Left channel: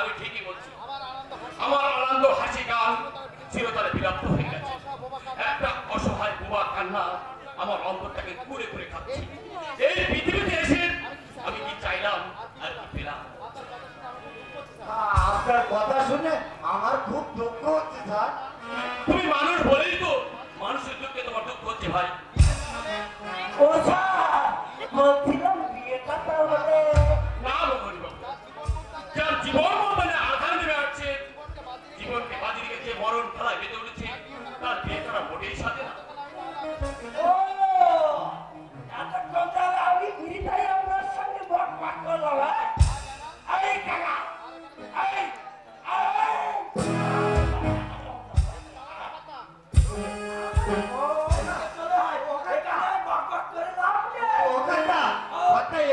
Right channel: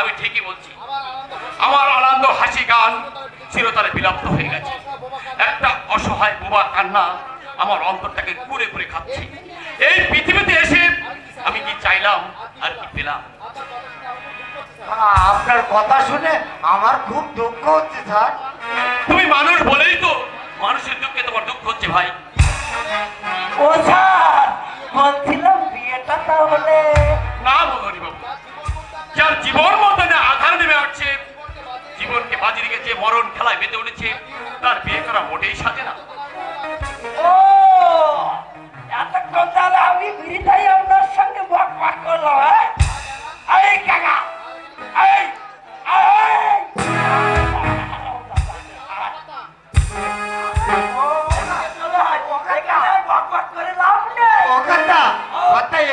আমি ঠিকই বলছি। আমার আনন্দ হাসি গান চিরতরে বিলুপ্ত হয়ে গেছে। একটা অসহায় বোবার কান্না আমার অন্তরটাকে কুরে কুরে খাচ্ছে। এই পৃথিবীতে এসে আমি কি চাইলাম আর কি পেলাম? আপনার কথা শুনে আমার খুব দুঃখ হচ্ছে স্যার। তুমি মানুষ বলেই তো মানুষের দুঃখে তোমার দুঃখ হচ্ছে ভাই। ও স্যার, বলছিলাম বিয়েটা তাহলে না মগনি বাবু, যার জীবন মতনে আধার নেমে আসছে, জীবনকে বাজি রেখেছে, মরণ খেলায় বেঁধে উঠেছে, তার বিয়ে করা মোটেই সাজে না। ও এতক্ষণ তাহলে আমি বিরিতাই আপনার সঙ্গে বকবাক করলাম। এই কাকা, এই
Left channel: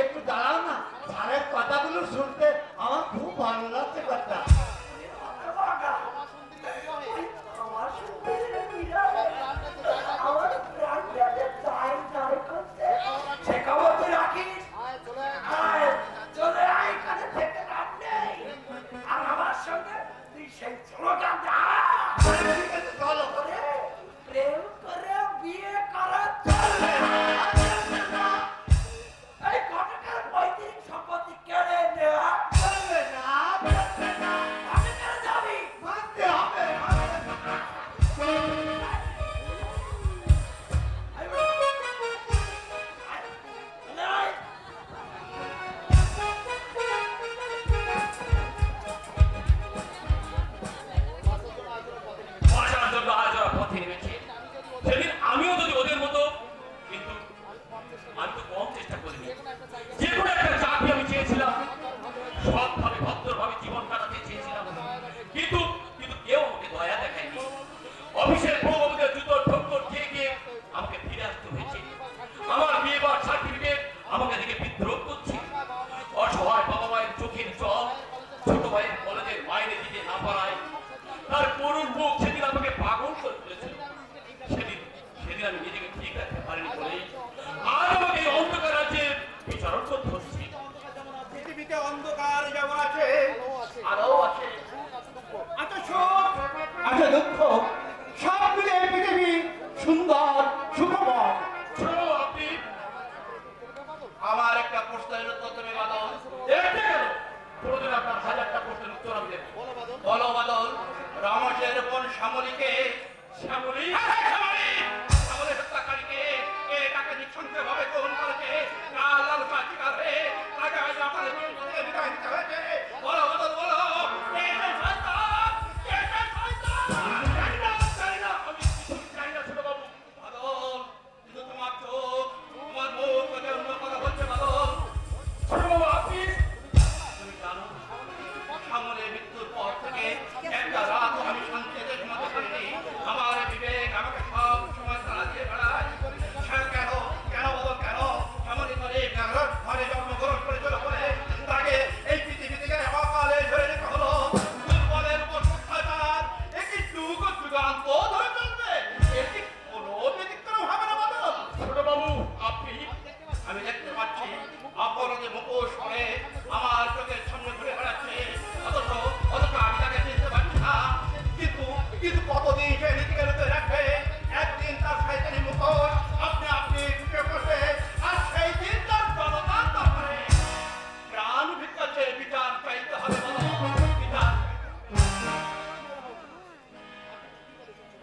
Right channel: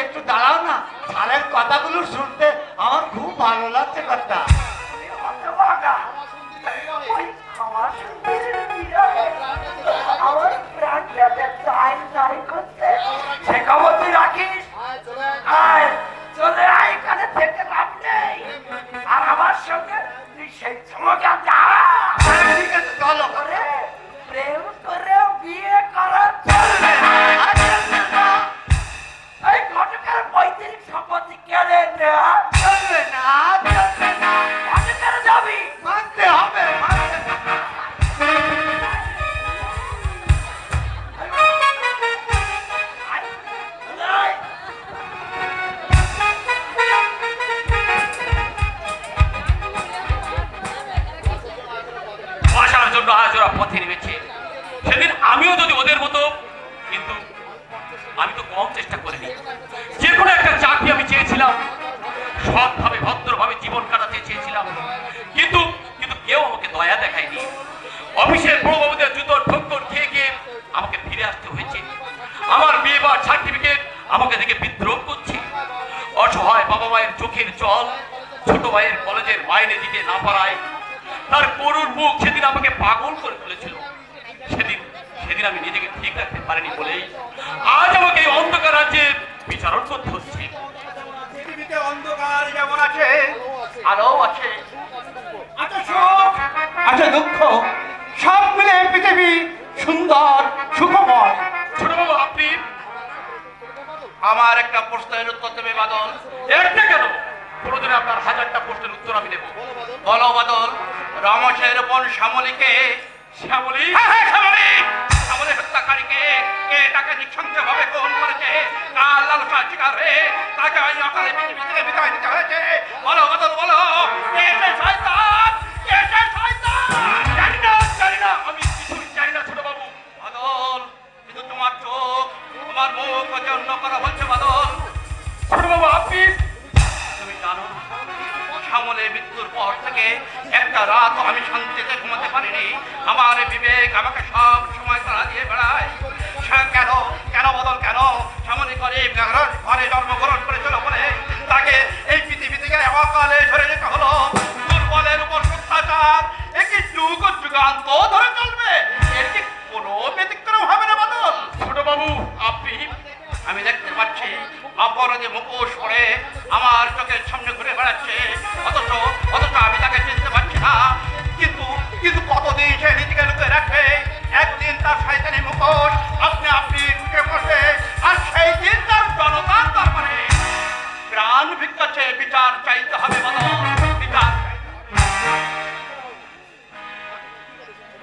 একটু দাঁড়াও না, স্যারের কথাগুলো শুনতে আমার খুব ভালো লাগছে। কথা আমার প্রাণ করতে সে খবর তুই রাখিস। চলে আয়, এখানে থেকে লাভ নেই। আর আমার সঙ্গে তুই সেই চমকা যা। ঠিক আছে, চলো করে প্রেম করে বিয়ে করা চলবে না। এই ঘটকের পৈতৃক সম্পত্তি কেড়ে নেওয়া চলবে না, চলবে না। ঘটকের যাবি মানতে হবে, মানতে হবে। বাসার জন্য আজ ওরা পথে নেমেছে। সেদিন আমিও যদি ওদের মতো, কিন্তু আমি তো কম চেষ্টা করিনি। যে কোনো একটা চাকরি আমি চেয়েছিলাম, সৎভাবে ভদ্রভাবে জীবন কাটাতে চেয়েছিলাম, কিন্তু কিন্তু কেউ আমাকে দয়া দেখায়নি। অফিসের বড় বাবুদের জুতোর ঠক্কর খেয়ে গিয়ে আমাকে ফিরে আসতে হয়েছে। আমার বিয়েবার সার্টিফিকেট আমাকে দেখে বিদ্রোহ করছে। অসহায় বাবা মায়ের চোখের জল ছোট ভাইয়ের কলেজের মাইনে দিতে না পারায় তার করুণ মুখ সেদিন আমাকে পাগল করে তুলেছিল। সেদিন সেদিন আমি নিজেকে ঠিক রাখতে পারিনি বলেই আজ আমাকে এই অন্ধকার রাজ্যে বিচারণ করতে হচ্ছে। পৃথিবীতে অন্ধকার যেমন আছে, আলো আছে, আছে সুখ, আছে দুঃখ, সব মিলে পৃথিবী সুন্দর সুখময়। ছোটবাবু আপনি আমার একটা প্রশ্নের উত্তর দেবে বাদল? একটা কেন, কোনোদিন আপনার হাজারটা প্রশ্নের উত্তর আমি দেবো। বলো বাদল, রমেশের বোন শ্যামলীকে, শ্যামলী, হ্যাঁ হ্যাঁ শ্যামলী, শ্যামলী হত্যাকারীকে কে তাকে নিঃসন্দেহভাবে খুন করেছে? কার লালসার শিকার হয়ে তাকে আজ অকালে পৃথিবী থেকে বিদায় দিতে হয়েছে? বলো বাদল, বলো, কে সে শয়তান? কে সে শয়তান? জানি না, জানি না, আমি কিছুই জানি না ছোটবাবু। বাদল, কিন্তু তোমার চোখ, তোমার মুখ ওকে অন্য কথা বলছে বাদল। ছোটবাবু আপনি, তুমি জানো, শ্যামলের মৃত্যুর পর থেকে একটা রাত আমি শান্তিতে ঘুমাতে পারিনি। আমার বিবেক আমাকে সব সময় তাড়া দিয়ে বেড়ায়। কেন কেন বদল, কেন? শ্যামলী গরিব ঘরে জন্মগ্রহণ করেছিল বলে তাকে এই পৃথিবী থেকে অকালে ঝরে যেতে হলো। দুর্বলের উপর অত্যাচার একটি যুগ যুগান্ত ধরে চলবে, এর কি কোনো ব্যতিক্রম হবে না বদল? ছোটবাবু আপনি, আমি দেখতে পাচ্ছি অপরাধে মুখোশ পরে আমার চোখের সামনে ঘুরে বেড়াচ্ছে, অথচ অথচ আমি তাকে চিনতে পারছি না। কিন্তু কিন্তু কতদিন সে নিজেকে লুকিয়ে রাখবে? একদিন তার শয়তানি মুখোশ আপনি আপনি উঠে বসে, আর সেই দিন তার জনতার দরবারে প্রাণ ভিক্ষা চেয়ে বিচার চাইতে হবে বলো, বিচার।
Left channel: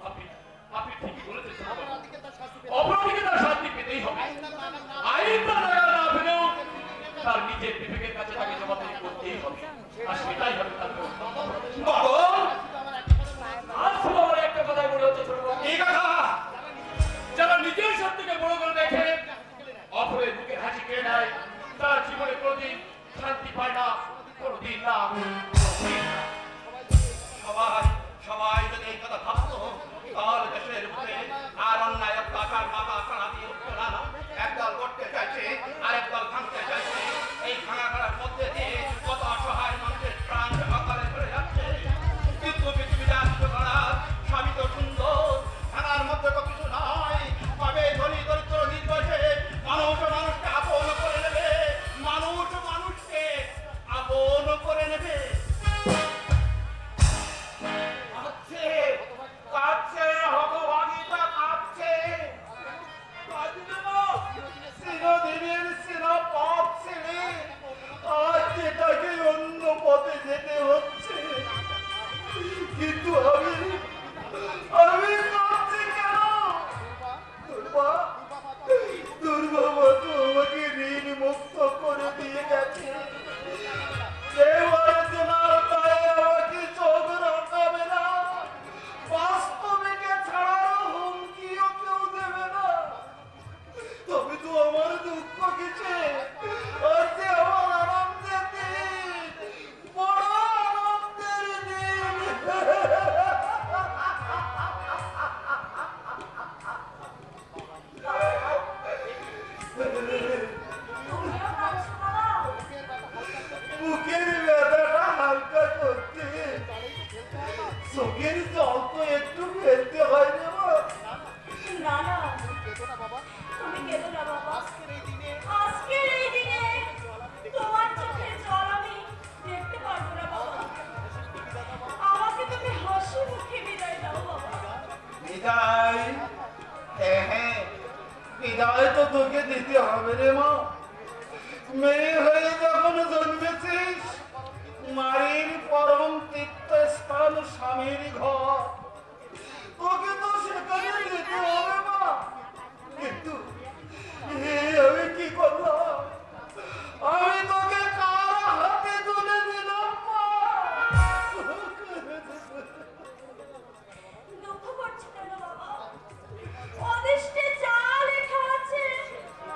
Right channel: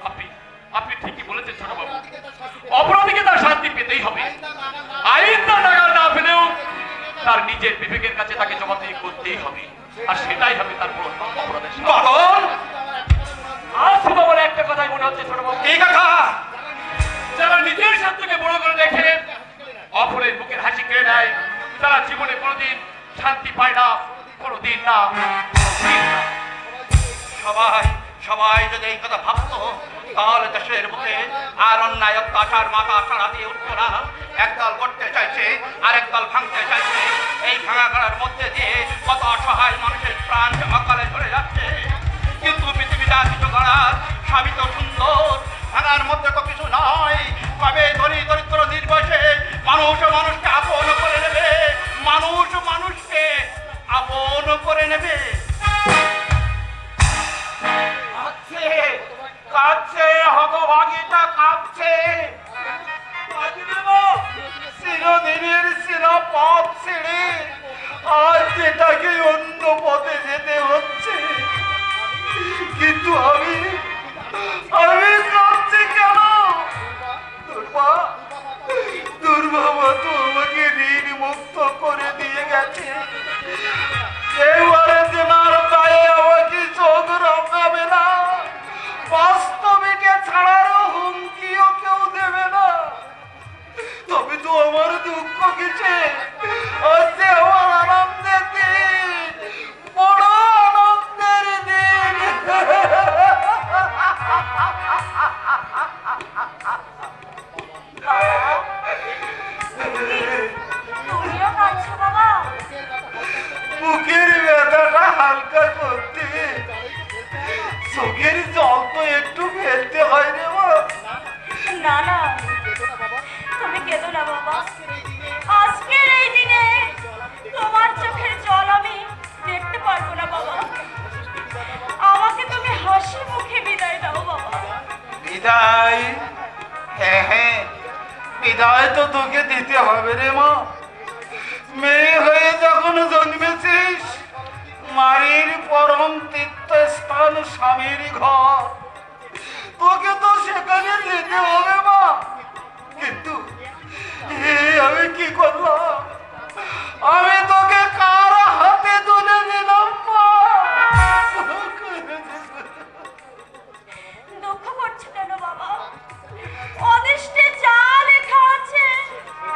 আপনি আপনি ঠিকই বলেছেন ছোটবাবু, অপরাধীকে তার শান্তি পেতেই হবে। আইন তার নাগাল না পেলেও তার নিজের বিবেকের কাছে তাকে জবাবদিহি করতেই হবে, আর সেটাই হবে তার অপরাধের শাস্তি। বদল, আর শুধু আমার একটা কথাই মনে হচ্ছে ছোটবাবু, এই কথা যারা নিজের স্বার্থকে বড় করে দেখে অপরের বুকের হাসি কেড়ে নেয়, তারা জীবনে কোনোদিন শান্তি পায় না, কোনোদিন না, কোনোদিন না। সবাই সবাই যদি এই কথা ভাবতো, তাহলে দেশের বুকে আর অন্যায় অত্যাচার মাথা সারা দিয়ে উঠতো না। একদল করতে চাইছে আর একদল ভাঙতে চাইছে। এই ভাঙা করার মধ্যে দিয়ে কত অসহায় মানুষের প্রাণ অকালে ঝরে যাচ্ছে। কিন্তু পৃথিবীটা কিছু করার সবই তো সুন্দর, ভাঙার মধ্যে তো কিছু নয়। কবে ধনী দরিদ্র নির্বশে মানুষ মানুষকে আপন করে নেবে, মানুষ মানুষকে আপন করে নেবে। বিদায়? হ্যাঁ হ্যাঁ, বিদায় তো তোকে দিতে হবে রে মা। মেয়ে হয়ে যখন জন্মেছিস, মায়ের পরম তীর্থস্থান স্বামীর ঘর, তোকে তো সেখানে যেতে হবে মা। কিন্তু আমি কি করলাম? আমি তোকে কার হাতে তুলে দিলাম মা? দুঃখ করছো কেন বাবা? অদৃষ্টে যা লেখা আছে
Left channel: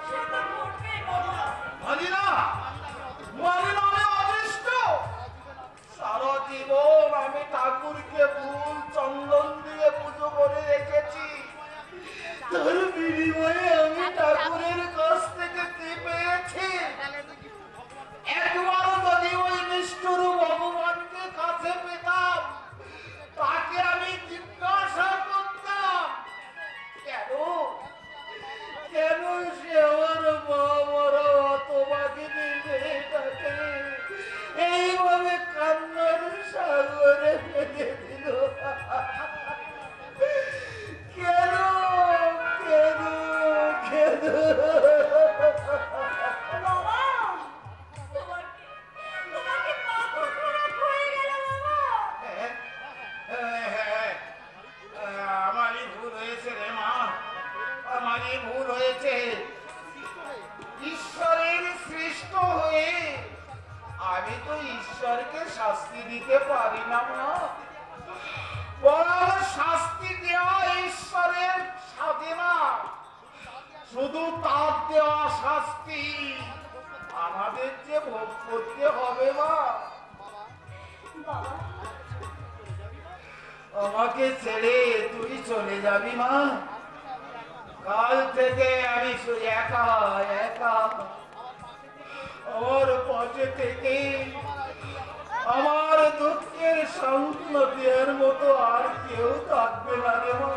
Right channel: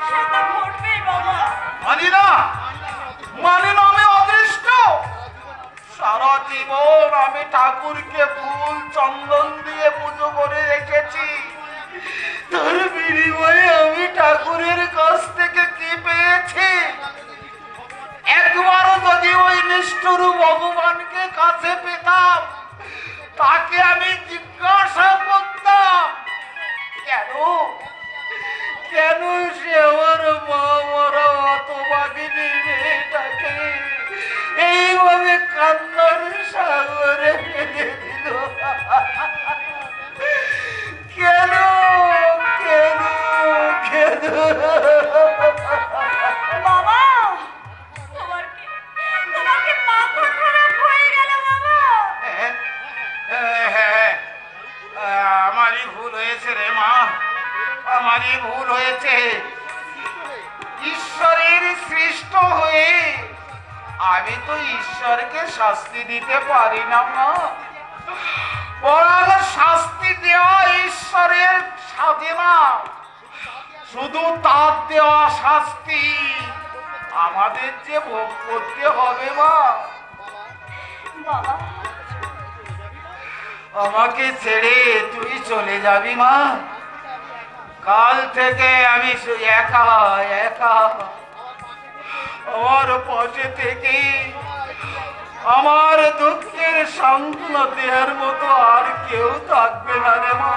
সেটা ঘটবেই বাবা। মানি না, মানি না, আমি অদৃষ্ট। সারা জীবন আমি ঠাকুরকে ফুল চন্দন দিয়ে পুজো করে রেখেছি, তার বিনিময়ে আমি ঠাকুরের কাছ থেকে কি পেয়েছি? একবারও যদি ওই নিষ্ঠুর ভগবানকে কাছে পেতাম, তাকে আমি জিজ্ঞাসা করতাম, কেন কেন সে আমার মা মরা হতভাগিনী মেয়েটাকে এইভাবে কান্নার সাগরে ফেলে দিল? কেন কেন কেন? বাবা, তোমার কি মাথা খারাপ হয়ে গেল বাবা? আমারই ভুল হয়েছে রে মা, আমারই ভুল হয়েছে। ঈশ্বরের সৃষ্ট হয়ে আমি তো ঈশ্বরকে শাস্তি দিতে পারি না মা। বরং শাস্তি দেওয়া ঈশ্বরের সাথে না, শুধু তার দেওয়া শাস্তি আমাদের যে ভোগ করতে হবে মা। বাবা, আমাকে ছেড়ে তুই চলে যাবি মা? কাল থেকে আমি একা একা, আমার পাশে থেকে আমার দুঃখের সান্ত্বনা দেওয়ার মতো আর কেউ থাকবে না রে মা।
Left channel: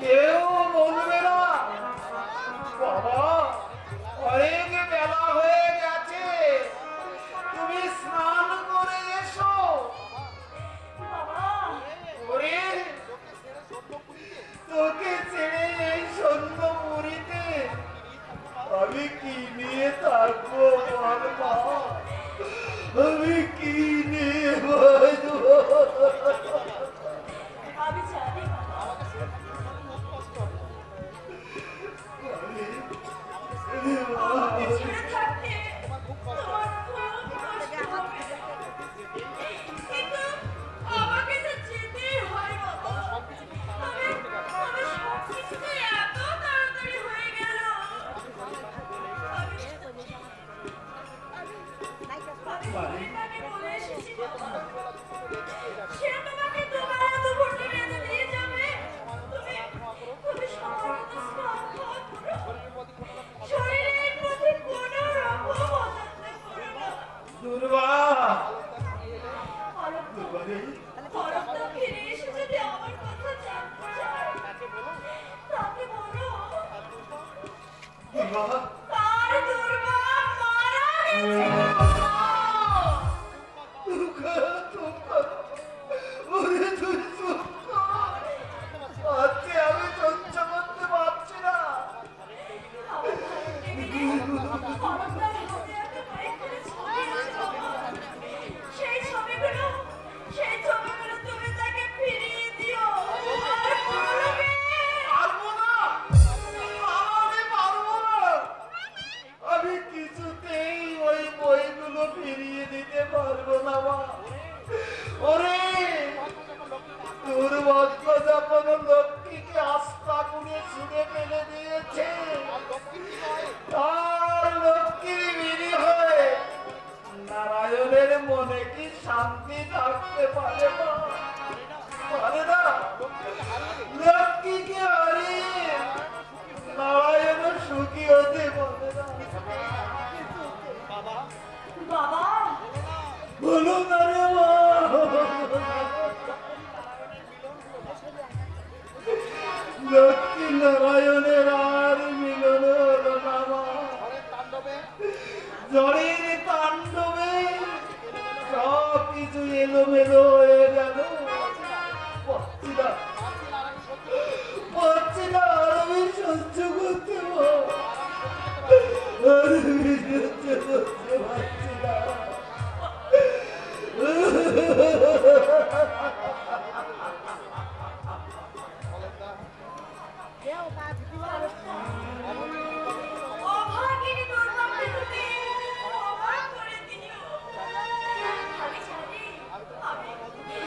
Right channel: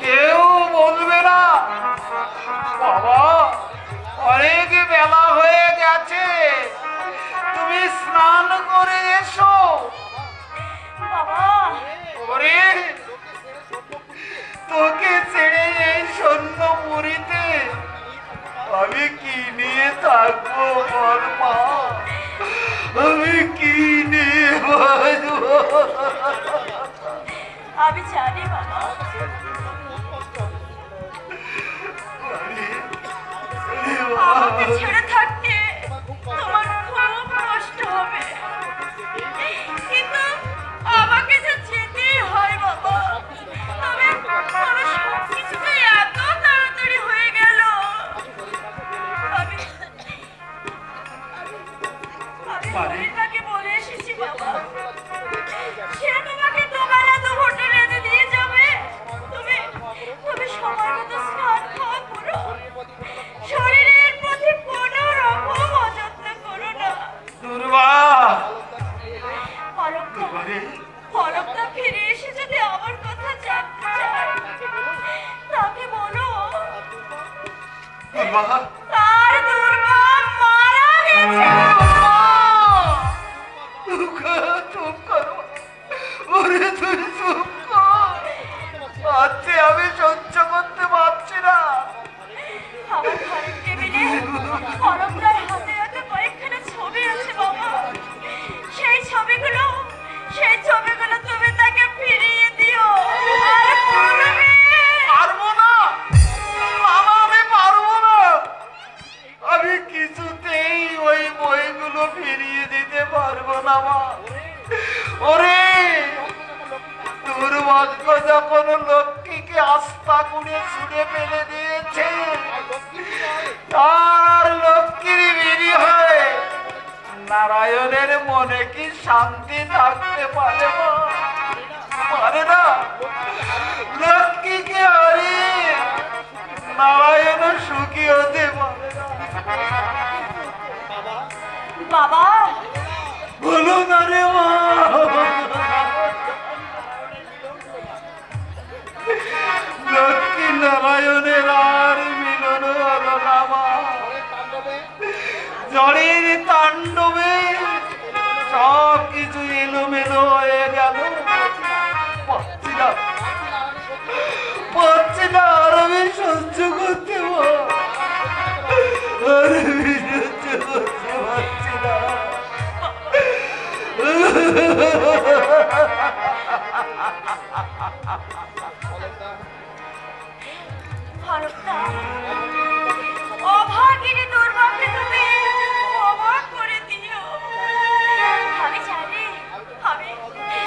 কেউ বলবে না, বাবা অনেক বেলা হয়ে গেছে, তুমি স্নান করে এসো। বাবা, ওরে, তোকে ছেড়ে এই সন্ধ্যপুরীতে আমি কি নিয়ে থাকবো বল মা? আমি কি নিয়ে বাঁচবো? আমি জানি বাবা, আমাকে ছেড়ে থাকতে তোমার খুব কষ্ট হবে, কিন্তু আমাকে যে যেতেই হয় বাবা। তবে সবকিছুতে এত তাড়াতাড়ি হয়ে গেল। আমি হরিণাকে বলে এসেছি বাবা, সে তোমাকে দুবেলা দুপুরটা রেঁধে দিয়ে যাবে। তুমি সময় মতো স্নান খাওয়া করো, শরীরের প্রতি কোনো রকম অযত্ন করো না। দুর্বা, পলকটা ফিরে এসে যদি আমার কথা জানতে চায়, তাকে বলো দুর্বা, তার দুর্বা মারা গেছে। চুপ করো, ওরে তুই চুপ কর। আজকে আমি সহ্য করতে পারছি না। আমার ঘরের টেবিলে পলকটার হাতে হাতে কয়েকখানা ছবি আছে বাবা। সেই ছবিগুলো তুমি তাকে ফিরিয়ে দিও। আর বলবে, পারবো না বাবা, আমি পারবো না। আমি কিছুতেই ওই বইগুলো ফিরিয়ে দিতে পারবো না মা। ওরে, দুর্ভাগ্য যখন লক্ষ্মীকে আস্থা করে ছুঁড়ে ফেলে দিয়েছে, আর লক্ষ্মীর বিড়ি হয়, নারায়ণের মনে কি শান্তি থাকতে পারে মা? পারে না। লক্ষ্মীকে আরে নারায়ণ সুখী হতে পারে না। বাবা, বলো না রে মা। লক্ষ্মী নারায়ণের আর মিলন হলো না মা। ঝড়ের তাণ্ডবে সব কিছু এলোমেলো হয়ে গেল। পাচ্ছি না, করতে মা। আর আমি সহ্য করতে পারছি না। হরপ্তা